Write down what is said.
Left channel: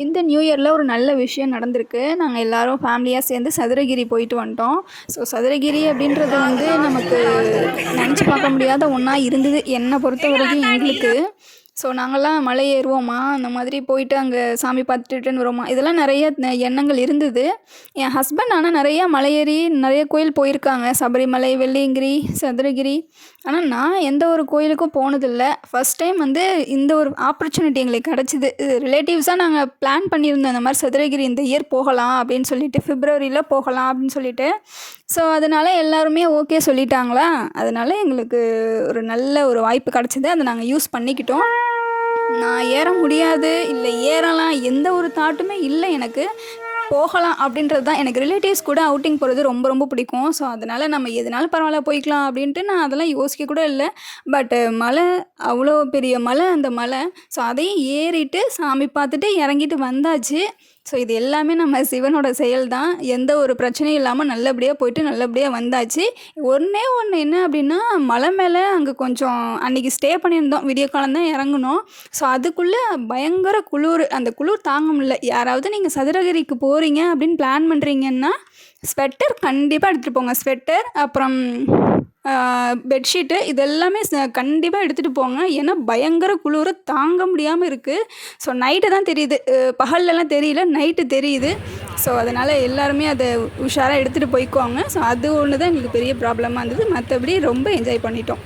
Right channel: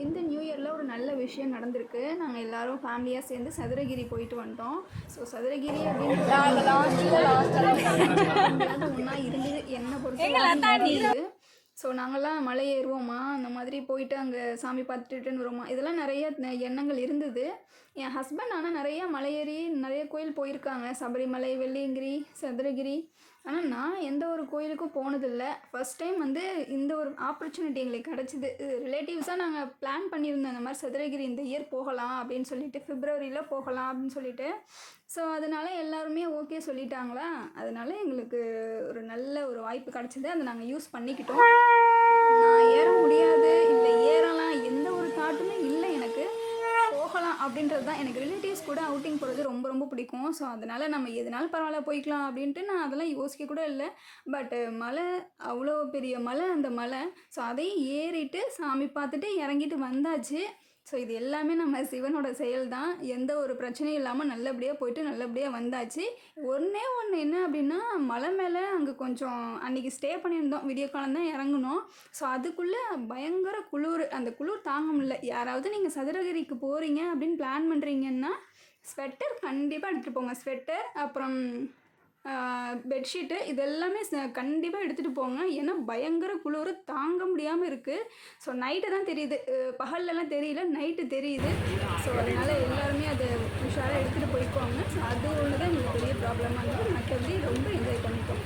இந்த நியூ இயரில் ஒரு நல்ல விஷயம் நடந்திருக்கு. நாங்க எல்லாரும் ஃபேமிலியா சேர்ந்து சதுரகிரி போயிட்டு வந்துட்டோம். ஸோ சதுரகிரி அப்படின்றது வந்து நமக்கு நெனச்சு பார்க்க முடியாத ஒண்ணா இருந்தது. என்ன பொறுத்தவரைக்கும் எங்களுக்கு. ஸோ நாங்கலாம் மலை ஏறுவோமா, அந்த மாதிரி போயிட்டு அங்க சாமி பார்த்துட்டு ரிட்டர்ன் வருவோமா, இதெல்லாம் நெறைய எண்ணங்கள் இருந்தது. என் ஹஸ்பண்ட் ஆனா நெறைய மலை ஏறி நெறைய கோயில் போயிருக்காங்க. சபரிமலை, வெள்ளியங்கிரி, சதுரகிரி. ஆனா நான் எந்த ஒரு கோயிலுக்கும் போனதில்ல. ஃபர்ஸ்ட் டைம் வந்து இந்த ஒரு ஆப்பர்ச்சுனிட்டி எங்களுக்கு கெடைச்சிது. இது ரிலேட்டிவ்ஸா நாங்க பிளான் பண்ணியிருந்தோம். இந்த மாரி சதுரகிரி இந்த இயர் போகலாம் அப்படின்னு சொல்லிட்டு, பிப்ரவரியில போகலாம் அப்படின்னு சொல்லிட்டு. ஸோ அதனால எல்லாருமே ஓகே சொல்லிட்டாங்களா, அதனால எங்களுக்கு ஒரு நல்ல ஒரு வாய்ப்பு கெடைச்சது. அத நாங்க யூஸ் பண்ணிக்கிட்டோம். நான் ஏற முடியாது, இல்ல ஏறலாம் எந்த ஒரு தாட்டுமே இல்ல எனக்கு. போகலாம் அப்படின்றது தான். எனக்கு ரிலேட்டிவ்ஸ் கூட அவுட்டிங் போறது ரொம்ப ரொம்ப பிடிக்கும். ஸோ அதனால நம்ம எதுனாலும் பரவால்ல போய்க்கலாம் அப்படின்ட்டு நான் அதெல்லாம் யோசிக்க கூட இல்ல. பட் மலை அவ்வளோ பெரிய மலை அந்த மலை. ஸோ அதையும் ஏறிட்டு சாமி பார்த்துட்டு இறங்கிட்டு வந்தாச்சு. ஸோ இது எல்லாமே நம்ம சிவனோட செயல் தான். எந்த ஒரு பிரச்சனையும் இல்லாம நல்லபடியா போயிட்டு நல்லபடியா வந்தாச்சு. ஒண்ணே ஒண்ணு என்ன அப்படின்னா, மலை மேல அங்க கொஞ்சம் அன்னைக்கு ஸ்டே பண்ணியிருந்தோம். விடிய காலம் தான் இறங்குனோம். ஸோ அதுக்குள்ள பயங்கர குளுரு. அந்த குளிர் தாங்க முடியல. யாராவது நீங்க சதுரகிரிக்கு போறீங்க அப்படின்னு பிளான் பண்றீங்கன்னா, ஸ்வெட்டர் கண்டிப்பா எடுத்துட்டு போங்க. ஸ்வெட்டர் அப்புறம் பெட்ஷீட்டு இது எல்லாமே கண்டிப்பா எடுத்துட்டு போங்க. ஏன்னா பயங்கர குளுரு தாங்க முடியாம இருக்கு. ஸோ நைட்டு தான் தெரியுது. பகல்லலாம் தெரியல. நைட்டு தெரியுது. ஸோ அதனால எல்லாருமே அத உஷாரா எடுத்துட்டு போய்க்கோங்க. ஸோ அது ஒண்ணு தான் எங்களுக்கு பெரிய ப்ராப்ளமா இருந்தது. மத்தபடி ரொம்ப என்ஜாய் பண்ணிட்டோம்.